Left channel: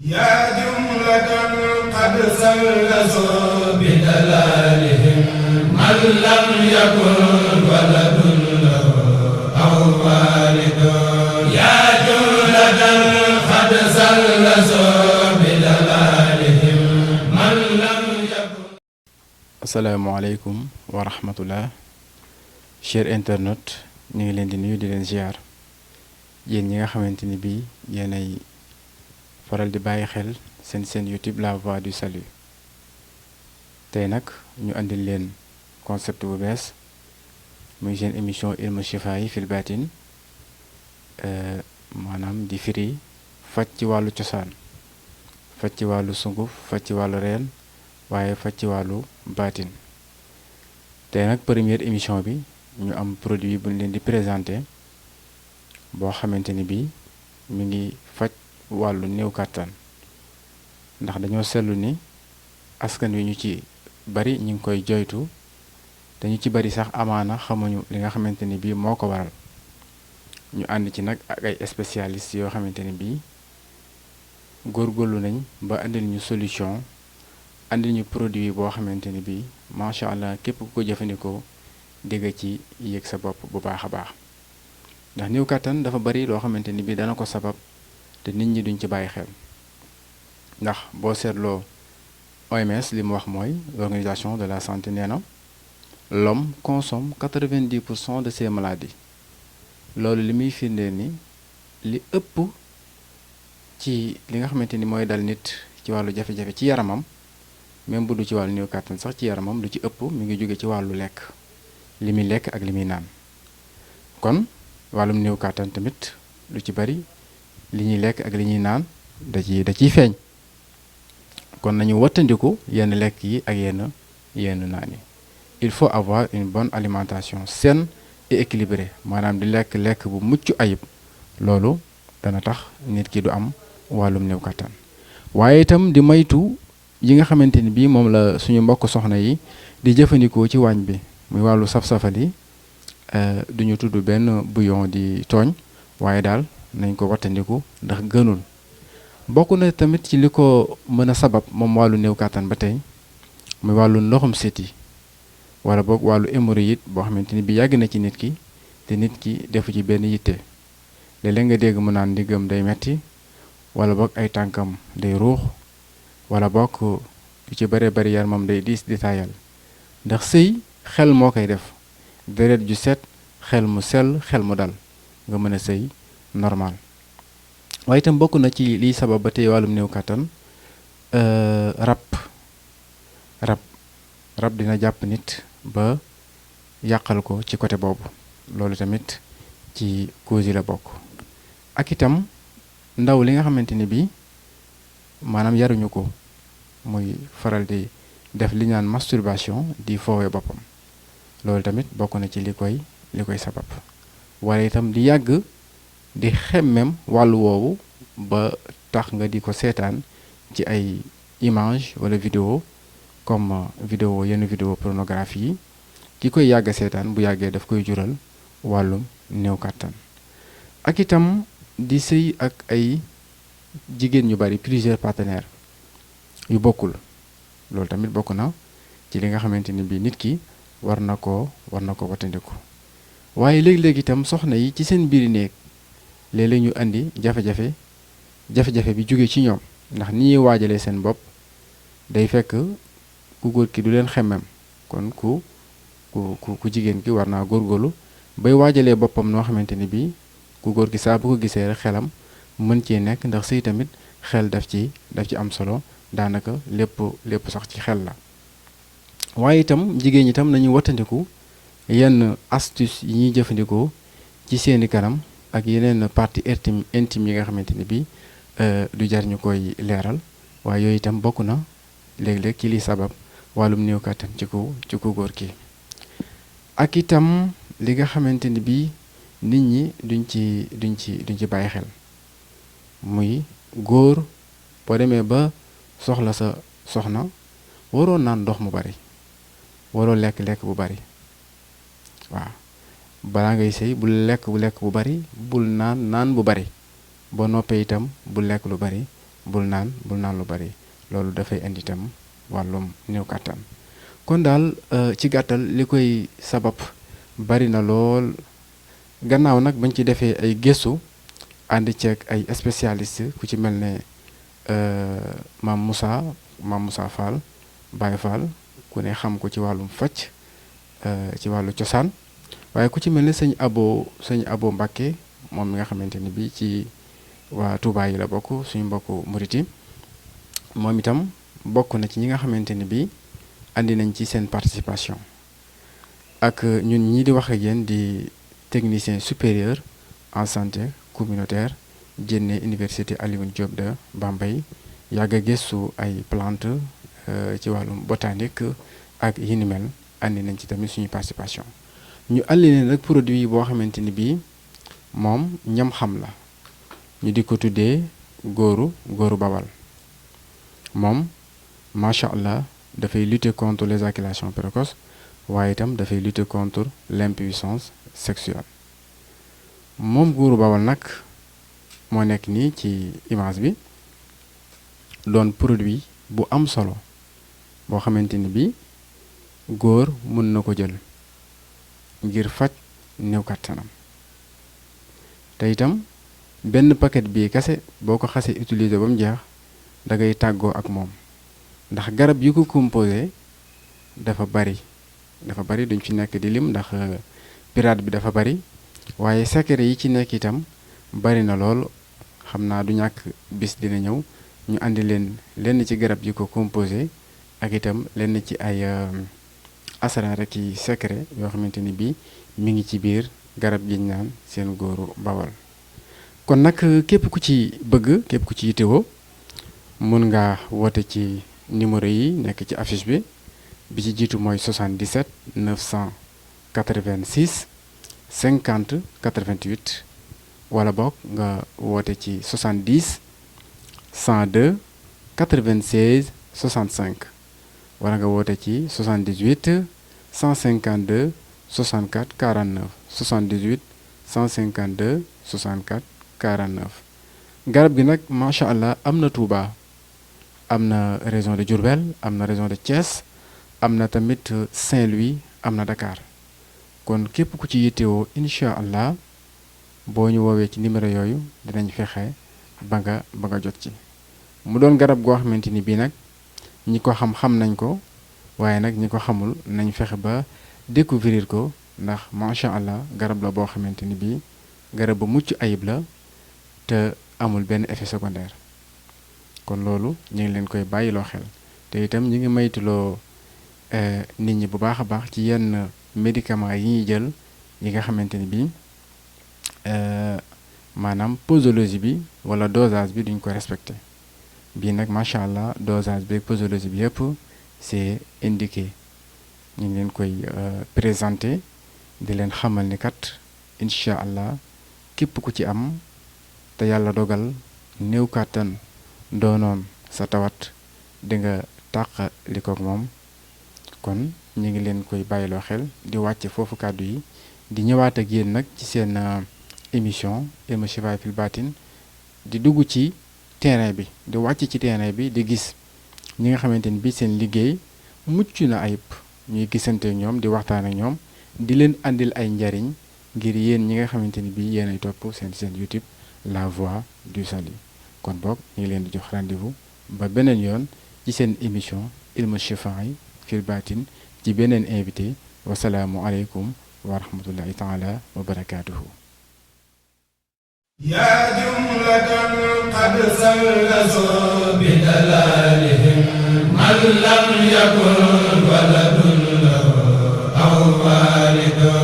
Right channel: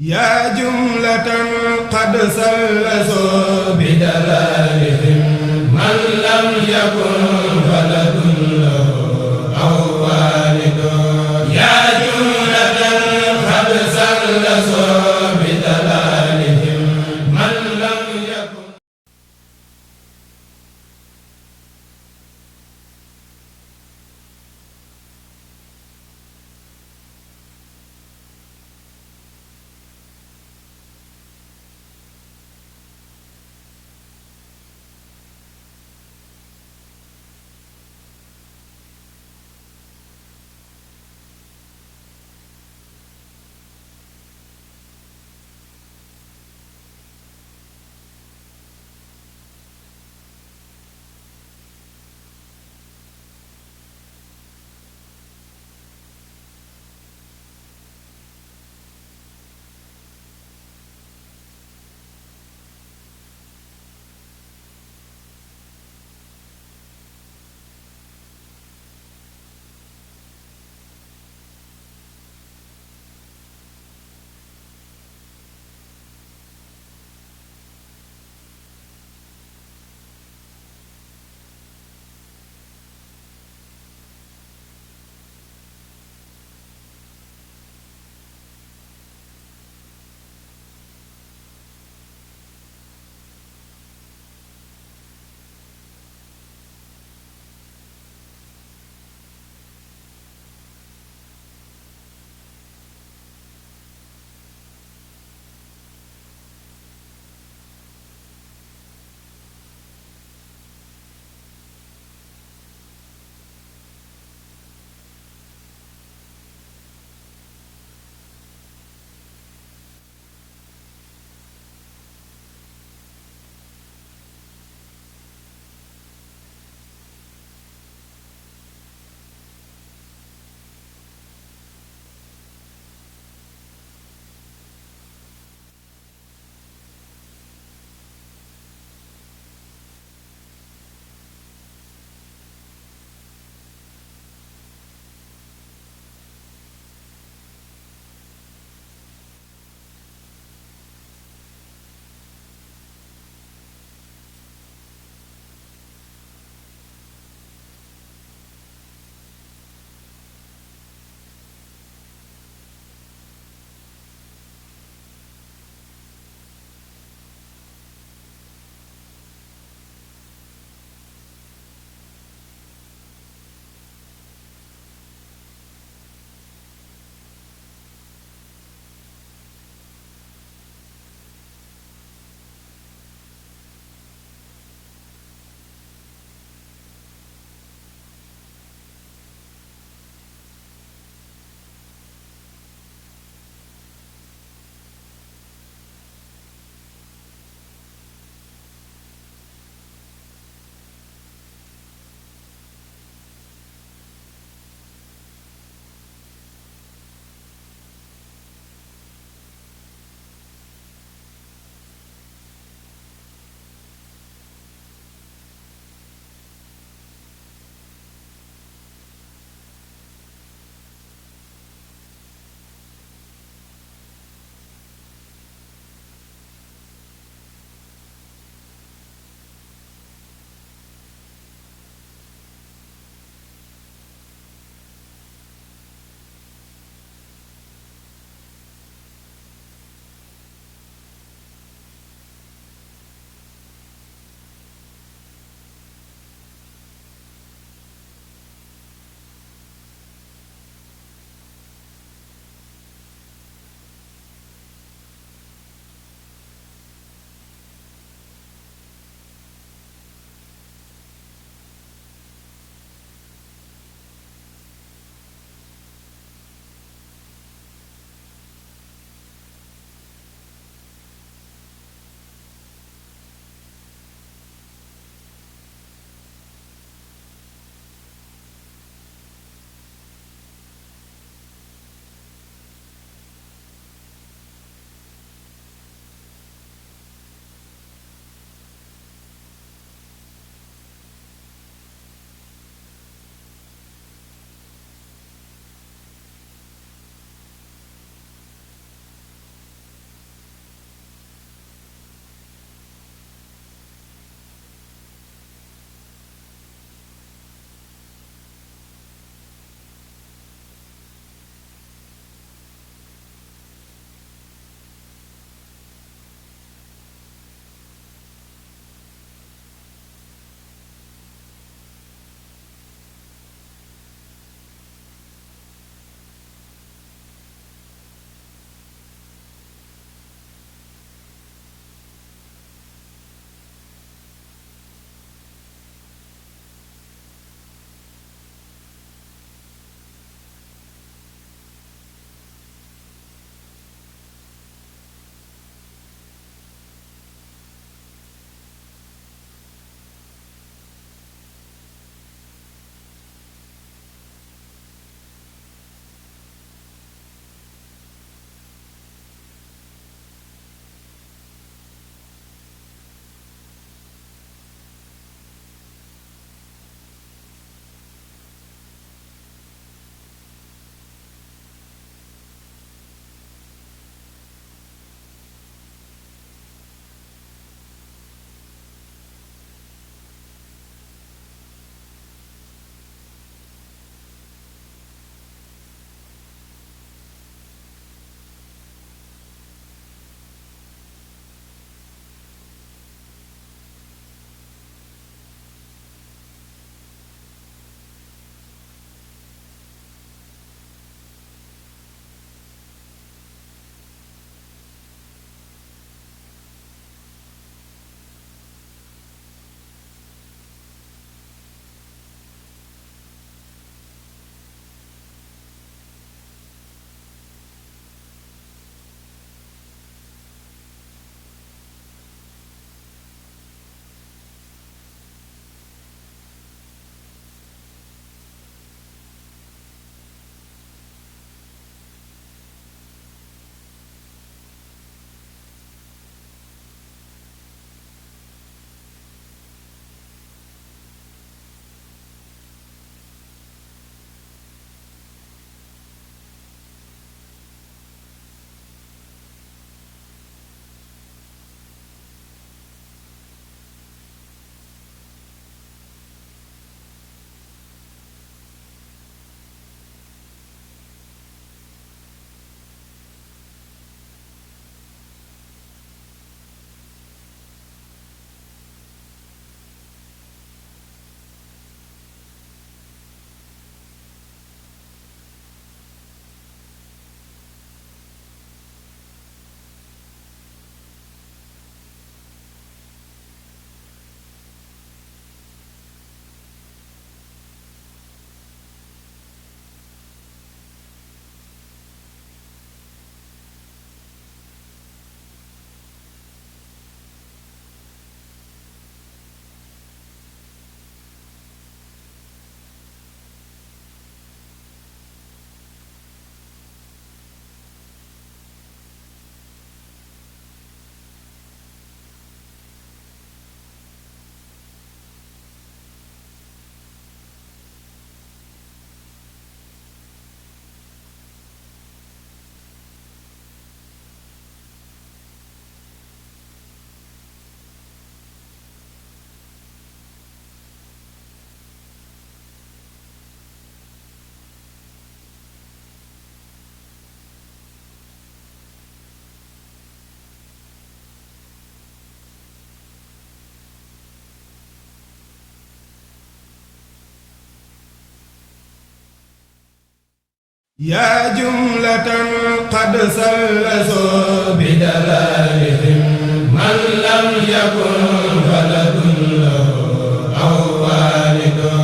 yaa jumlatan qad sallasoo bi dalaalihim man lam yakun waladun lahu aw waalidun yaa jumlatan qad sallasoo bi dalaalihim man lam yakun. asalaamaaleykum wa rahmatullah cher internet ñu ngi leen di nuyu di leen ziar yéen ñi nga xamante ni bii yéenay faral di bàyyi xel seen YouTube la voix du salut tey nag ñu andil leen concept bu bees muy seen émission ilmu shifaa'i fil baatin maanaam di firi faj ci wàllu cosaan faj ci wàllu sunguf faj ci wàllu reen waaye faj ci wàllu baatin tey nag première émission bi ñu am produit bu ñu leen di présenté boo xamante ni bii mi ngi faj wàllu néew kàttan ndax dañoo seetlu ni askan wi ñu ci bari ñu ngi koy joytu dañu ci bari sax amaana xamuñu li nga xamante ni bii moo ko waral ñu ànd ci nag ak ay spécialistes yoo xamante ni bii góorgóorlu nañ ba andil ñu solution andil ñu produit boo xamante ni bii macha allah képp ku ko jëfandikoo dégg ci yéeg sa bopp bu baax a baax ndax néew kàttan dafa bari loo xamante ni bii dana ko sabab te nit ñi duñ ci bàyyi xel ndax boo seetloo OMS li mu wax mooy l'organisation de la santé nee na l'homme consomme 90% de ses maladies loolu li muy firndeel ni li ëpp ci li nga xamante ni mooy dal nit ci wàllu jafe-jafe ci yaramam même bu du ci wàllu néew kàttan sax ci yaramam lu ci ëpp mi ngi jóge ci wàllu lekk li muy lekk ak li muy naan kon wàllum néew kàttan tamit lu ci bari li ñuy lekk ak li ñuy naan da ciy feeñ kon nañu wattandiku yenn lekk yi ak yenn naan yi il faut avoir une bonne alimentation saine et équilibrée maanaam di lekk bu mucc ayib loolu dana tax nit ki du am wàllum néew kàttan waaye itam di maytu yi nga xamante ni bii moom la suñu mbokk soxna yi di jëfandikoo ci waañ bi muy wàllu saf-safali duñu tudd benn bouillon di tooñ waaye daal nañ ko wattandiku ndax gënul bokk na tamit ci li ko mën a sabab moom wàllu néew kàttan ba tey muy wàllu ndoxum siti wala boog wàllu hémorroïde boo xamante ni bi yàgg na ci nit ki te nit ki defu ci benn yitte léeg-léeg nga dégg mu naan ndiggam day metti wala boog ay tànkam day ruux wala boog lu ci bare bari yaramam day diis di taayal ndax sëy xel moo koy def deret ju set xel mu sell xel mu dal nga mën a sëy normal waaye itam bokk na ci liy sabab ba tey wàllum néew kàttan rab dina jàpp nit ba yàqal ko ci côté boobu loolu tamit ci cause yi la bokk ak itam ndaw li nga xamante ni bii maanaam yaruñu ko muy faral di def li ñaan masturbation di foowee boppam loolu tamit bokk na ci li koy sabab wala itam di yàgg di xemmem wàllu woowu ba tax nga di ko seetaan ci ay image wala vidéo comme yenn vidéo pornographie yi ki koy yàgg seetaan bu yàggee daf koy jural wàllum néew kàttan ak itam di sëy ak ay jigéen ñu bari plusieurs partenaires yu bokkul loolu tamit bokk na ci li nga xamante ni bii nit ki war na ko wattandiku waaye léegi-léegi itam soxna yi ci seen biir néeg léeg-léeg ñu andi jafe-jafe bi jóge ci ñoom ndax ni ñuy waajalee seen bopp day fekk ku góor ki du leen xemmem kon ku jigéen ki war naa góorgóorlu bay waajalee boppam noo xamante ni bii ku góor ki saa bu ko gisee rek xelam mën cee nekk ndax sëy tamit xel daf ci am solo daanaka lépp sax ci xel la waaye itam jigéen ñi itam nañu wattandiku yenn astuce yi ñuy jëfandikoo ci seeni kanam ak yeneen partie intime yi nga xamante ni bii du jar ñu koy leeral waaye yooyu itam bokk na léeg-léeg ci li sabab wàllum néew kàttan ci ku góor ki ak itam li nga xamante ni bii nit ñi duñ ci bàyyi xel muy góor boo demee ba soxla sa soxna waroo naan ndox mu bari waroo lekk bu bari waaw balaa ngay sëy bul lekk bu bari bul naan bu bari boo noppee itam bul lekk lu bari bul naan lu bari loolu dafay indi itam wàllum néew kàttan kon daal ci gàttal li koy sabab bari na lool gannaaw nag bañ ci defee ay gëstu ànd ceeg ay spécialiste ku ci mel ne maam Moussa Fall Baye Fall ku ne xam ko ci wàllum faj ci wàllu cosaan waaye ku ci mel ne sëñ Abo Mbàkke moom mi nga xamante ni bi ci waa Touba yi la bokk suñu mbokku muriti moom itam bokk na ci ñi nga xamante ni bi andi nañ ci seen participation ak ñun ñii di wax ak yéen di technicien supérieur en santé communautaire génne université Alioune Diop de Bambey yàgg a gëstu ay plante ci wàllum botanique ak yi ni mel andi nañ ci tamit suñu participation ñu andi leen rek produit boo xamante ni bii moom ñam xam la ñu di ko tuddee góoru bawal moom macha allah dafay lutter contre l'éjaculation précoce waaye itam dafay lutter contre l'impuissance sexuelle moom góoru bawal nag moo nekk nii ci image bi doon produit bu am solo boo xamante ni bi góor mën na ko jël ngir faj néew kàttanam te itam benn paquet bii kese boo ko xasee utiliser ba mu jeex da ngay tàggoo ak moom ndax garab yi ko composé dafa bari duñ fi nekk di lim ndax pirate bi dafa bari waaye secret yi ci nekk itam bari na lool xam naa du ñàkk bis dina ñëw ñu andi leen lenn ci garab yi ko composé ak itam lenn ci ay asran rek yi secret yoo xamante ni bii mi ngi ci biir garab gi ñu naan seen góoru bawal kon nag képp ku ci bëgg képp ku ci yittewoo mun nga woote ci numéro yi nekk ci affiche bi ci jiitu mooy 77 986 50 88 wala boog nga woote ci 70 102 96 65 wala nga woote ci 78 152 64 49 78 152 64 49 garab gi nag macha allah am na Touba am na région de Diourbel am na région de Thiès am na tamit Saint-Louis am na Dakar kon képp ku ci yittewoo incha allah boo ñu woowee ci numéro yooyu dinañ fexe ba nga jot ci mu doon garab goo xamante ni bii nag ñi ko xam nañ ko waaye nag ñi ko xamul nañ fexe ba découvrir ko ndax macha allah garab la boo xamante ni bii garab bu mucc ayib la te amul benn effet secondaire kon loolu ñu ngi leen koy bàyyiloo xel te itam ñu ngi maytuloo nit ñi bu baax a baax ci yenn médicaments yi ñuy jël yi nga xamante ni bii maanaam posologie bi wala dosage bi duñ ko respecté bii nag macha allah dosage bi ak posologie bi yëpp c'est indiqué ñu ngi leen koy présenté di leen xamal ni kat incha allah képp ku ci am te yàlla dogal néew kàttan doonoon sa tawat di nga tàq li koog moom kon ñu ngi leen koy bàyyiloo xel di wàcce foofu kàddu yi di ñëwaat ak yéen nag ci seen émission Ilmu Chifa fil Batin di dugg ci terrain bi di wàcc ci terrain bi di gis ñi nga xamante ni bi seen liggéey mucc na ayib ñuy gisante ñoom di waxtaan ak ñoom di leen andil ay njariñ ngir yéen ñi nga xamante ni bi yéen ay topp seen YouTube La Voix du Salut kon boog ñu ngi leen di jox rendez-vous ba beneen yoon ci seen émission Ilmu Chifa fil Batin ci beneen invité wasalaamu aleykum wa rahmatullahi taala wa barakaatuhu yaa jumlatan qad sallasu bi dalalihim man lam yakun waladun lahu aw walidun